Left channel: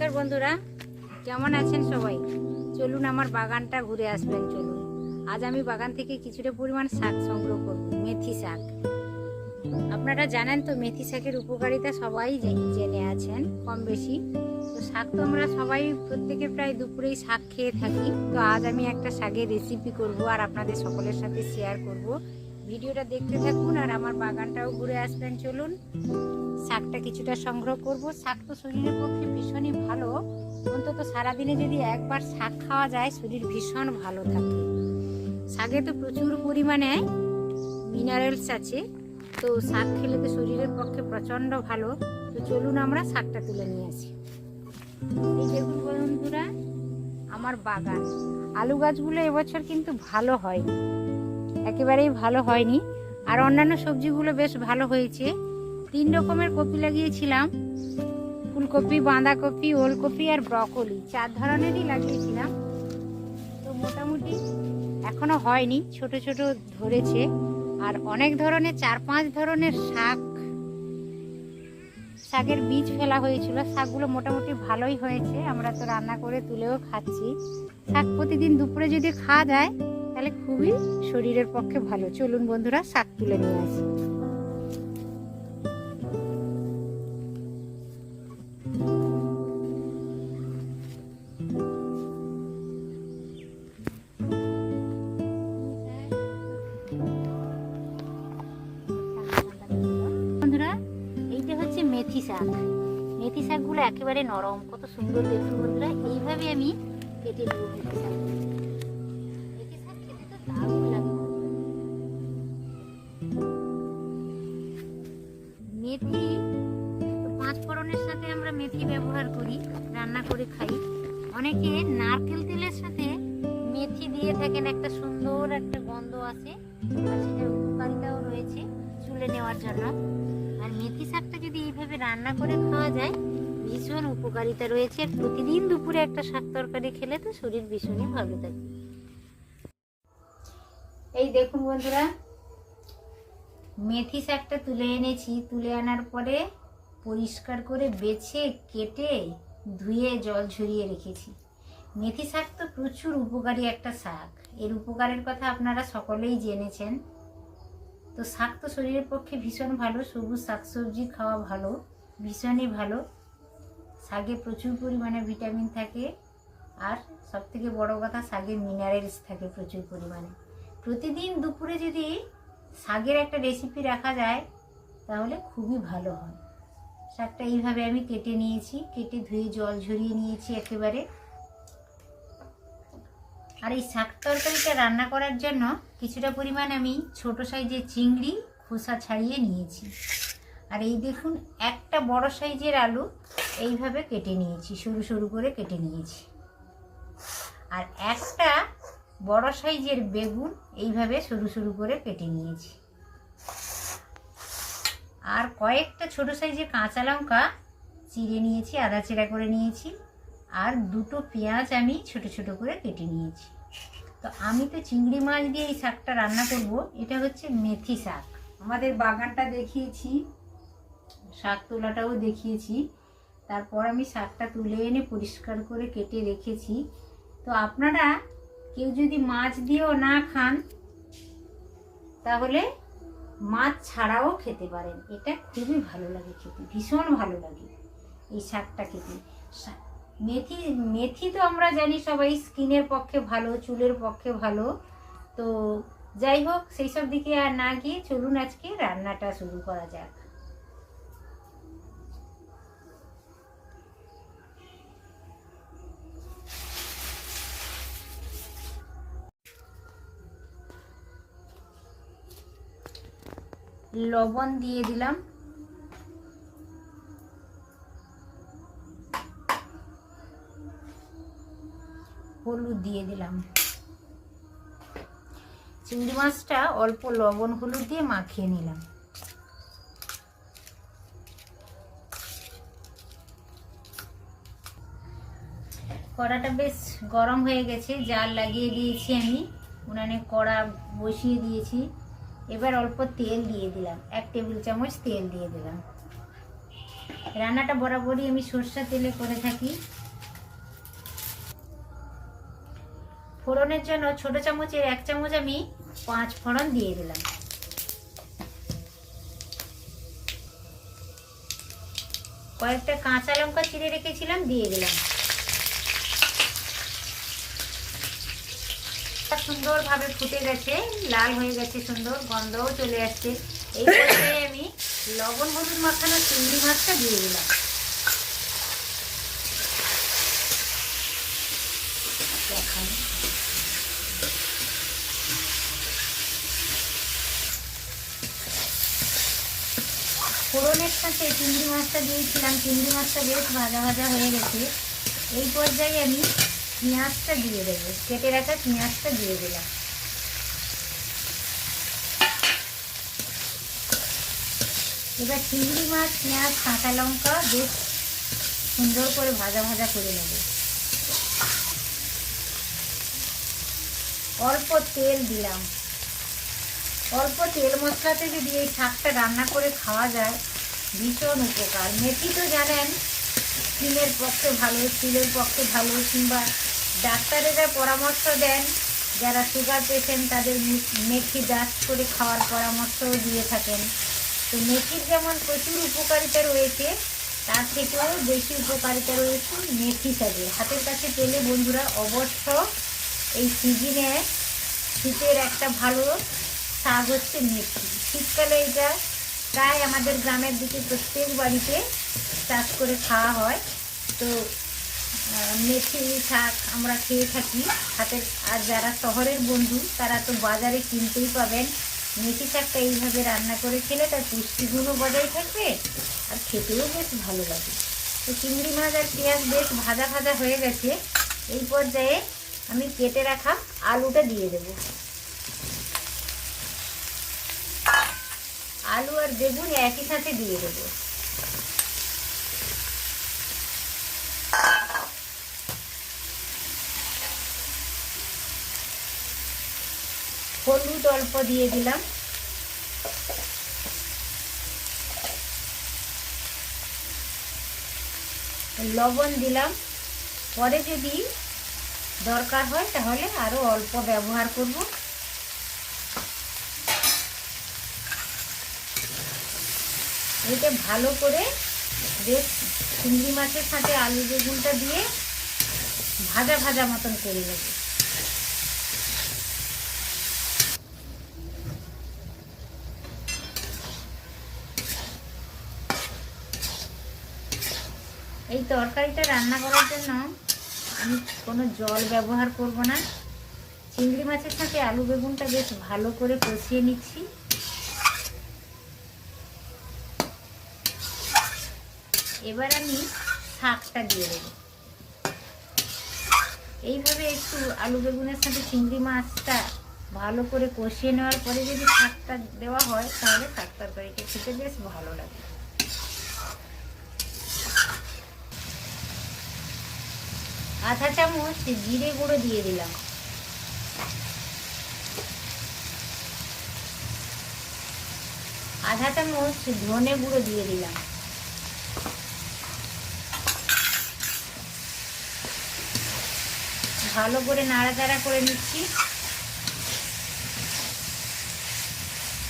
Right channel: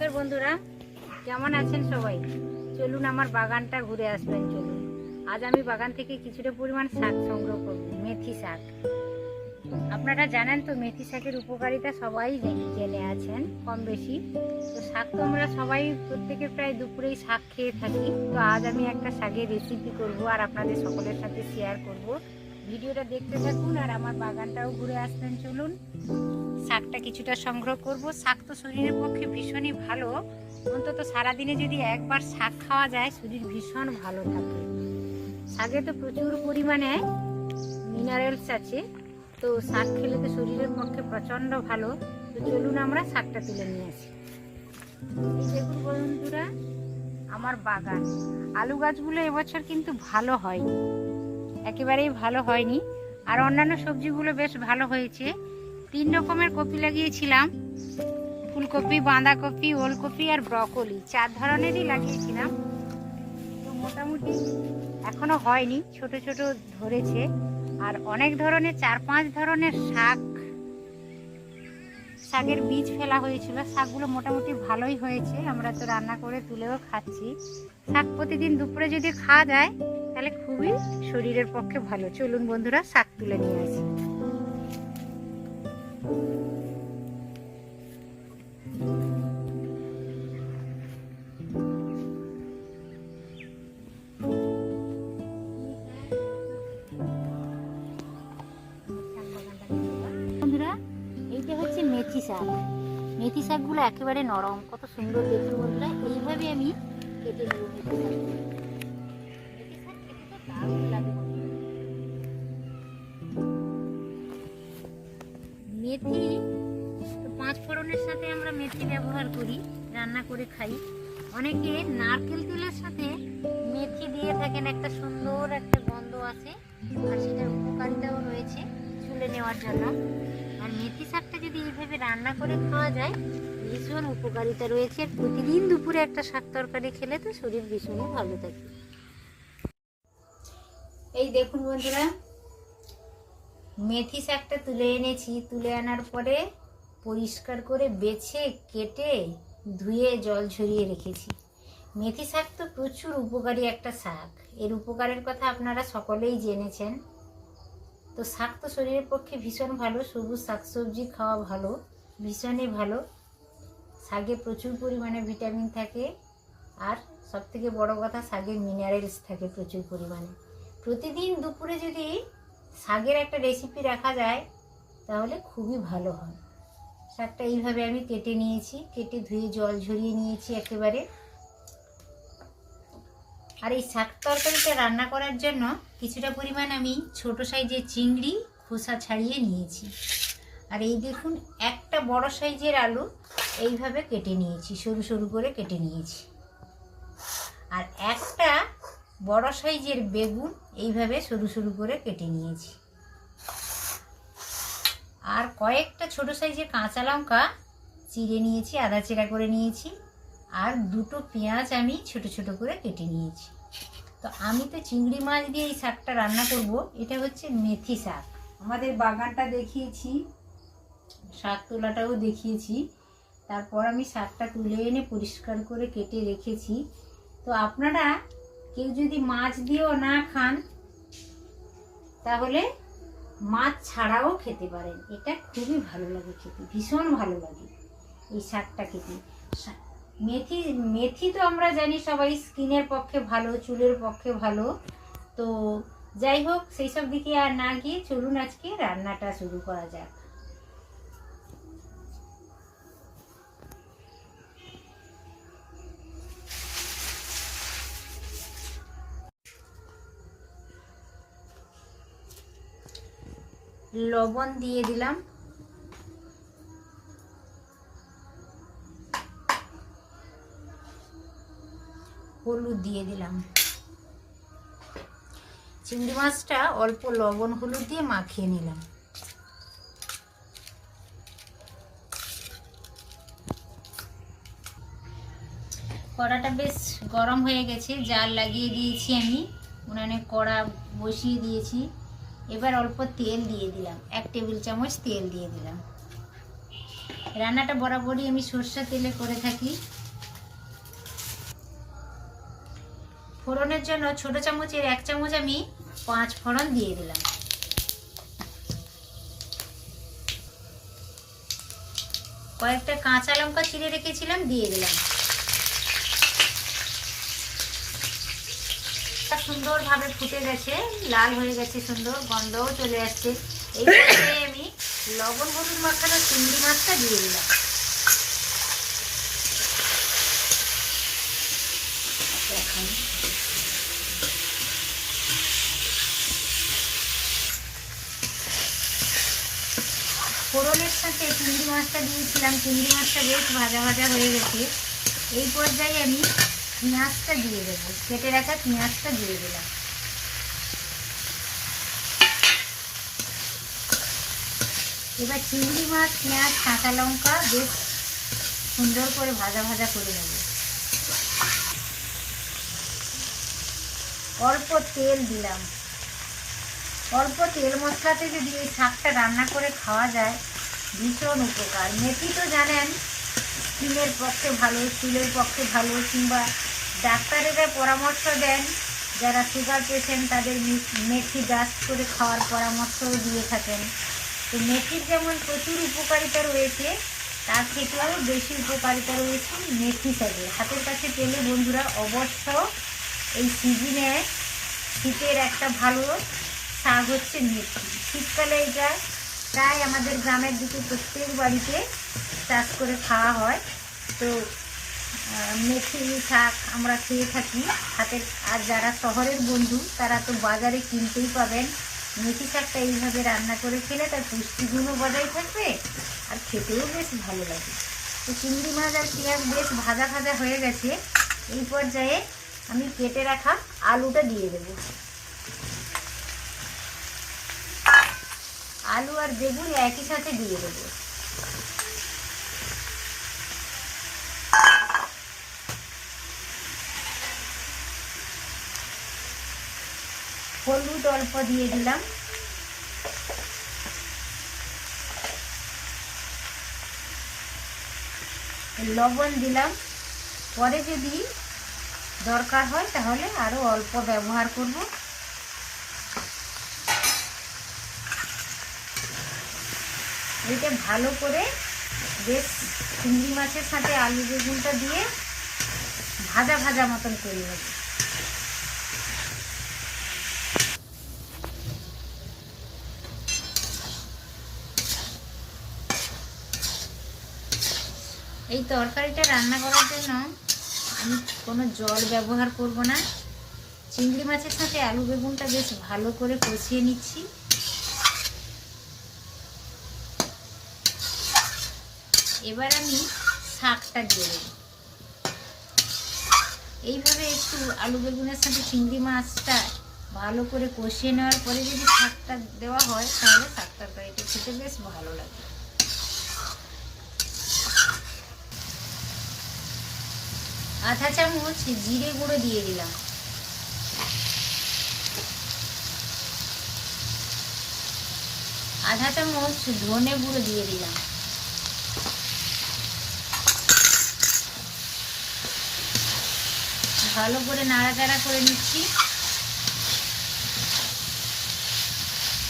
নমস্কার বন্ধুরা, কেমন আছেন সবাই? চলুন আমার বাগানটা ঘুরে আসবেন। চলুন, আজ আমি বাগান থেকে কিছুটা পরিমাণ শাক সংগ্রহ করব। মেথি শাক, আপনারা জানেন তো মেথি শাকের উপকারিতা সবাই জেনে আছেন কম বেশি। তো শাক তো আমরা সবাই প্রত্যেকে প্রায় দুপুরেই শাক খেয়ে থাকি। তো আজ আমি একটা শাকের রেসিপি করব আর আপনাদের সকলের সাথে শেয়ার করব। ভিডিওটা দেখতে থাকুন আর আমার বাগানটাও ঘুরে আসবেন। চলুন, শাকটা কিছুটা সংগ্রহ করব। শাক তো শরীরের পক্ষে ভীষণই ভালো, অন্তত সারাদিনে যদি একবার শাক খাওয়া যায় শরীর ভীষণ ভালো থাকে। শাকে তো প্রচুর পরিমাণে মিনারেলস আছে, তো শাক খেলে তো শরীরের পক্ষে প্রচণ্ড ভালো। তো চলুন আমরা শাকটা তুলে নিয়ে আসি। এই দেখুন বন্ধুরা, আমার বাগান আলু গাছগুলো এবছর কিন্তু ভালো হয়নি, একেবারেই ভালো হয়নি। আর অন্যান্য সবজিগুলো বেশ ভালো হয়েছে। 3 রকমের কপি লাগিয়েছিলাম, ফুলকপি, বাঁধাকপি, ওলকপি আর ব্রকলি, 4 ধরনেরই লাগিয়েছিলাম। তো মোটামুটি এখনো হয়নি, ছোট ছোট ধরেছে। আর অনেক ধরনের 4-5 ধরনের শাকের বীজ ফেলা হয়েছিল। শাকগুলো মোটামুটি ভালোই হয়েছে, আমরা তো রান্না করে তুলেও খাচ্ছি। শাক প্রতিদিন দুপুরে যদি খাওয়া যায় তাহলে খুবই শরীরের পক্ষে ভালো। চলুন বন্ধুরা, শাক তুলে নিয়ে আসি। বন্ধুরা, এইটা হচ্ছে মেথি শাক। মেথি শাকগুলো একেবারে নরম, কত সুন্দর দেখতে বন্ধুরা। এইভাবে আমি কেটে নেব মেথি শাক। মেথি শাক খেতে তো দারুণ লাগে। মেথি 5 ফোড়নের সাথে আমরা মেথি ব্যবহার করি, রান্না করে খাই। অনেকে নারকেল তেলের সাথে মেথি দিয়ে থাকেন, একটা সুন্দর একটা গন্ধ আসে আর সেটার উপকারিতাও রয়েছে চুলে নেওয়ার জন্য। আর মেথি শাকটা যদি এইভাবে রান্না করে খাওয়া যায় ভীষণ উপকারিতা রয়েছে। আর প্রতিদিন দুপুরে একটা শাক তরকারি খেলে তো শরীর ভীষণই ভালো থাকে। এই দেখুন বন্ধুরা, মেথি শাকটা তুলে এনেছি। তুলে আনার পরে পরিষ্কার করে বেছে কেটে ধুয়ে জল ঝরিয়ে রেখেছি। মেথি শাক তো প্রচুর উপকারী একটা শাক, এর উপকারের কথা আপনারা সকলেই জেনেছেন। তো শাক তো শরীরের পক্ষে ভীষণ ভালো, সবুজ শাকসবজি খাওয়া ভালো, ভীষণই ভালো। শাকে প্রচুর পরিমাণে ভিটামিন থাকে, আর সবথেকে বড় কথা শাকে মিনারেলস থাকে প্রচুর পরিমাণে। প্রতিদিন দুপুরে যদি শাকের একটা রেসিপি রাখা যায় তাহলে খুবই ভালো হয়। শাকটা এইভাবে আমি কেটে নিয়েছি, কেটে ধুয়ে জল ঝরিয়ে নিয়েছি একেবারে। আর এই শাক তরকারিটা রান্না করার জন্য কিছুটা পরিমাণ আমি ছোট সাইজের চিংড়ি খোসা ছাড়িয়ে নিয়েছি। আর এই দেখুন, একটা বড় সাইজের আলু এইভাবে কেটে নিয়েছি, সরু সরু করে কেটে নিয়েছি। আর একটা বড় সাইজের বেগুন এইভাবে সরু সরু করে কেটে নিয়েছি। আর কয়েকটা ছোট সাইজের কাঁচা লঙ্কা চিড়ে নিয়েছি, আদা চিড়া করে নিয়েছি। আর 2টো পেঁয়াজ আমি ছোট ছোট করে কেটে নিয়েছি। তো আমি তো চিংড়ি মাছ দিয়ে এই শাকটা রান্না করব। এটা হচ্ছে মেথি শাক। আমাদের বাগানটা দেখিয়েছি, শাক তোলাটাও দেখিয়েছি। তারপর আমি শাকটা তুলে এনে পরিষ্কার করে কেটে রেখেছি। তো আপনারা কেউ যদি মাছ দিয়েও না খান তাহলে মাছ ছাড়াও খেতে পারেন। এটা খুবই ভালো লাগে খেতে, ভীষণ ভালো লাগে এই শাকটা খেতে। মেথি তো আমরা জানি সবাই স্কিনের পক্ষে ভালো, চুলের পক্ষে ভালো। তো যাই হোক, সেই সব দিকে আর না গিয়ে চলুন আজকে রান্নাটা শুরু করা যাক। লবণ দিয়ে দিলাম, হলুদ দিয়ে দিলাম। চিংড়ি মাছটা অল্প লবণ হলুদ দিয়ে মাখিয়ে নিলাম। কড়াটা বেশ গরম হয়ে গেছে, জাল লাগিয়ে দিয়েছি আমি, উনানে কড়া বসিয়ে দিয়েছি। এবার অল্প তেল দিয়ে দিলাম, 1 টেবিল চামচ তেল দিয়ে দিলাম। রান্নাটা বরাবরই আমি সরষের তেলে করে থাকি। ফোড়নের জন্য ছোট চামচের 1 চামচ আমি 5 ফোড়ন দিয়ে দিলাম। কয়েকটা কাঁচা লঙ্কা চিড়ে রেখেছিলাম, দিয়ে দিলাম। সুন্দরভাবে ফুটে গেছে, লাল হয়ে গেছে, সুন্দর গন্ধও চলে আসছে। এই পর্যায়ে আমি লবণ হলুদ মাখানো চিংড়ি মাছটা দিয়ে দিলাম। ফোড়নের সাথে চিংড়ি মাছটা দিয়েছিলাম, চিংড়ি মাছটা বেশ ভাজা ভাজা হয়ে গেছে। এই পর্যায়ে আমি পেঁয়াজটা দিয়ে দেবো, কেটে রাখা পেঁয়াজটা দিয়ে দিলাম। এবার চিংড়ি মাছ, পেঁয়াজ, কাঁচা লঙ্কা বেশ সুন্দর করে ভাজা ভাজা করে নেব। অল্প তেল দিলাম। অল্প তেল মশলাতে যদি এই শাকটা রান্না করে খাওয়া যায় ভীষণ উপকার। মেথি তো জানেন স্কিনের পক্ষে ভালো, চুলের পক্ষে ভালো, কিংবা ডাক্তারেরা পরামর্শ দেন যারা সুগার পেশেন্ট তাদের মেথি ডাস্ট করে খাওয়ার পরামর্শও দিয়ে থাকেন। তো মেথির যেমন প্রচুর উপকারিতা রয়েছে, তার থেকেও বেশি উপকারিতা রয়েছে মেথি শাকে। হাতের কাছে পেলে বন্ধুরা অবশ্য এই সিজনে শীতের একটা ভালো শাক হচ্ছে মেথি। শীতকালে এটা প্রায় আমাদের গ্রামের দিকে প্রত্যেক বাড়িতে চাষ করে খাওয়া হয়। তো মেথি শাক আমরা খেয়ে থাকি হাতের। আর যারা শহরের বন্ধু তারা তো বাজারে কিনতেই পাবেন। মেথি শাকটা এইভাবে রান্না করে খেলে তার পুষ্টিগুণও বজায় থাকবে আর খেতেও বেশ ভালো লাগে। তো চিংড়ি মাছ আর পেঁয়াজ বেশ ভাজা ভাজা হয়ে গেছে। এই পর্যায়ে আমি কেটে রাখা আলুটা দিয়ে দেব। আলু আর বেগুন একই সাথে দিয়ে দেব। হলুদ অল্প দিয়ে দিলাম। লবণ দিলাম। পরে যদি দরকার হয় তাহলে আরো অল্প ব্যবহার করব। এটা ভালো করে বেশ চিংড়ি মাছের সাথে আলু বেগুনটা দিয়ে ভাজা ভাজা মতন করে নেব। এই তরকারিটা রান্না করার জন্য আমি কোনো জল ব্যবহার করব না। চিংড়ি মাছের সাথে আলু বেগুনটা বেশ ভালো করে কষিয়ে নিচ্ছি। এবার আমি শাকটা দিয়ে দেব। এইভাবে একটু আলু বেগুনের সাথে চিংড়ি মাছটা ভালো করে কষিয়ে নেওয়ার পরে যদি শাকটা দেওয়া হয় তাহলে শাক তরকারিটা খেতে বেশ ভালো লাগে। আধা চামচ জিরে গুঁড়ো দিয়ে দিলাম। আধা চামচ ধনে গুঁড়ো দিয়ে দিলাম। ভালো করে নাড়াচাড়া করে নিচ্ছি।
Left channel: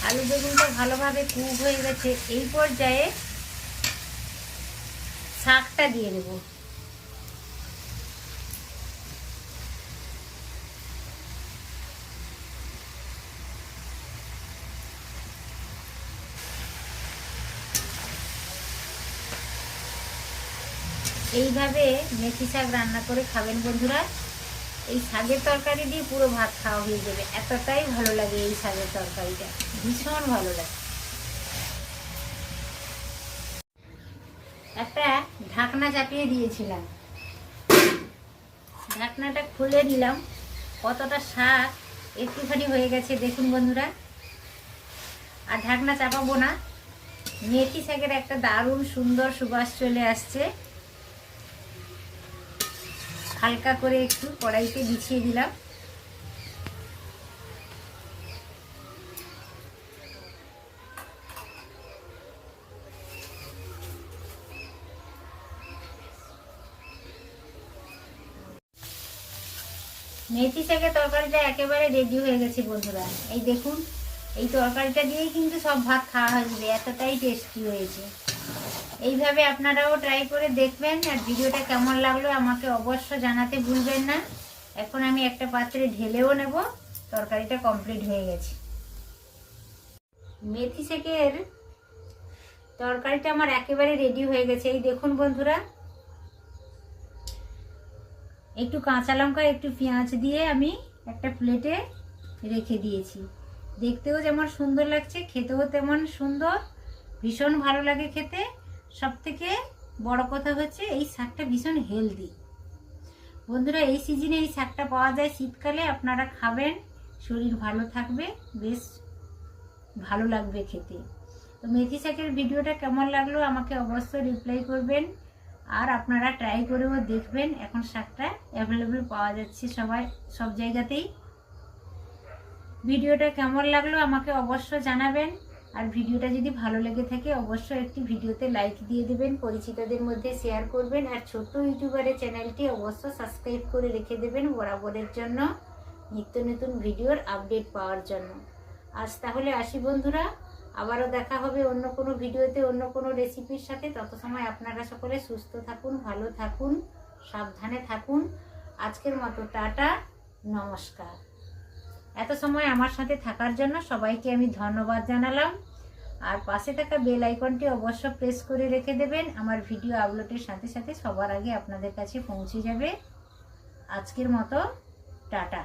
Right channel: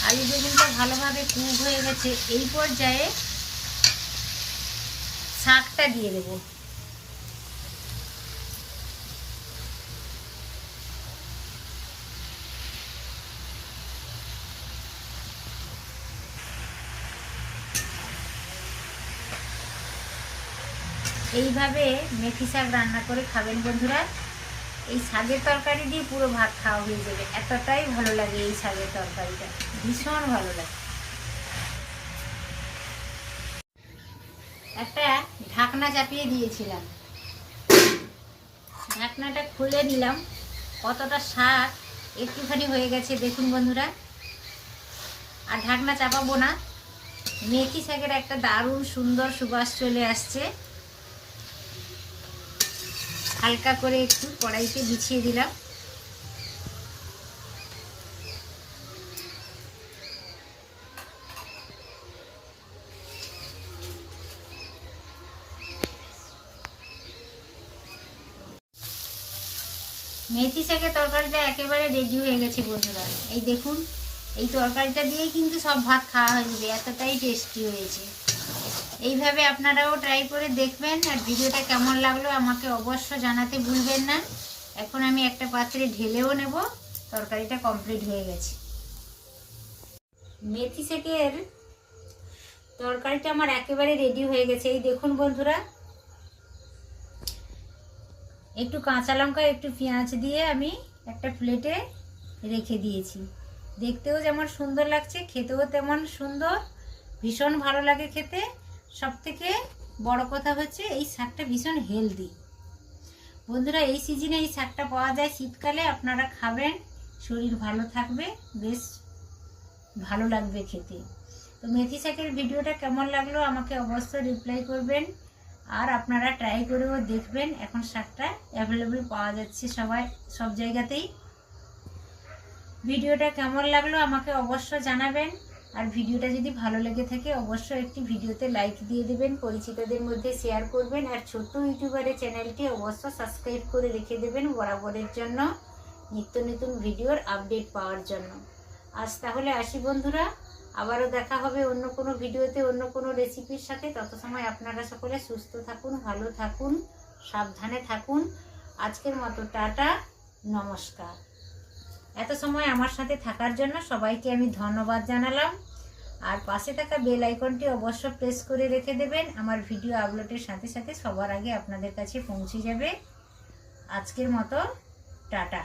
আলু বেগুনটা ভালোভাবে কুক হয়ে গেছে। এই পর্যায়ে শাকটা দিয়ে দেব। এইভাবে মেথি শাক রান্না করে খাবেন বন্ধুরা। এই শাকের তরকারি দিয়ে পুরো ভাত খাওয়া হয়ে যাবে, এতটাই ভালো লাগে এই শাকের তরকারিটা, ভীষণ ভালো লাগে। একটা ঢাকনা চাপিয়ে দিয়েছিলাম, ঢাকনাটা খুলে নিলাম। কতটা শাক একটুখানি হয়ে গেছে দেখুন বন্ধুরা। আর ঢাকনা চাপাবো না। মেথি শাকের একটা দারুণ সুন্দর সুবাস চলে আসছে। হালকা করে একটু কড়াইতে বিছিয়ে দিলাম। মেথি শাকের তরকারিটা একেবারে রেডি হয়ে গেছে বন্ধুরা। এই দেখুন, এই তরকারিটা দিয়েই কিন্তু সব ভাত খাওয়া হয়ে যাবে, এতটাই টেস্টি হয়েছে। এইভাবে আপনারাও ট্রাই করে দেখবেন। আর ভিডিওটা কেমন লাগলো আমাকে অবশ্য জানাতে ভুলবেন না। এখন আমি একটা পাত্রে ঢেলেও নেব। তরকারিটা কমপ্লিট হয়ে গেছে। মেথি শাকের তরকারিটা আমার একেবারে রেডি হয়ে গেছে। এই দেখুন বন্ধুরা, একটু কাঁচা লঙ্কা একটু পেঁয়াজ দিয়ে আমি একটা প্লেটে রেখে দিয়েছি। দেখতেও যেমন সুন্দর লাগছে, খেতেও তেমন সুন্দর, ভীষণ ভালো লাগে খেতে। সবথেকে বড় কথা হচ্ছে এই শাকটা ভীষণ হেলদি। বন্ধুরা, এই সিজনে এই শাকটা পাওয়া যায় শীতকালে, আপনারা খাবেন, শরীর ভালো থাকবে, বেশ ভালো লাগবে খেতে। তো মেথি শাকের ভিডিওটা কেমন লাগলো আমাকে অবশ্যই রিপ্লাই করবেন। আর আপনারা ট্রাই করেও দেখবেন। এখন শাকটা অ্যাভেলেবেল পাওয়া যাচ্ছে সব জায়গাতেই। ভিডিওটা কেমন লাগলো আমাকে অবশ্যই জানাবেন। আর ভিডিওটা যদি ভালো লেগে থাকে অবশ্যই একটি ভিডিওতে লাইক দিয়ে দেবেন, পরিচিতদের মধ্যে শেয়ার করবেন। আর ছোট্ট ইউটিউবারের চ্যানেলটি অবশ্যই সাবস্ক্রাইব করে রেখে দেবেন বরাবরের জন্য, নিত্য নতুন ভিডিওর আপডেট পাওয়ার জন্য। আজ তাহলে আসি বন্ধুরা, আবারও দেখা হবে অন্য কোনো ভিডিওতে অন্য কোনো রেসিপির সাথে। তত সময় আপনারা সকলে সুস্থ থাকুন, ভালো থাকুন, সাবধানে থাকুন। আজকের মতো টাটা, নমস্কার। এত সময় আমার সাথে থাকার জন্য সবাইকে আমি ধন্যবাদ জানালাম। আর পাশে থাকা বেল আইকনটি অবশ্য প্রেস করে রেখে দেবেন। আমার ভিডিও আপলোডের সাথে সাথে সবার আগে আপনাদের কাছে পৌঁছে যাবে। আজকের মতো টাটা।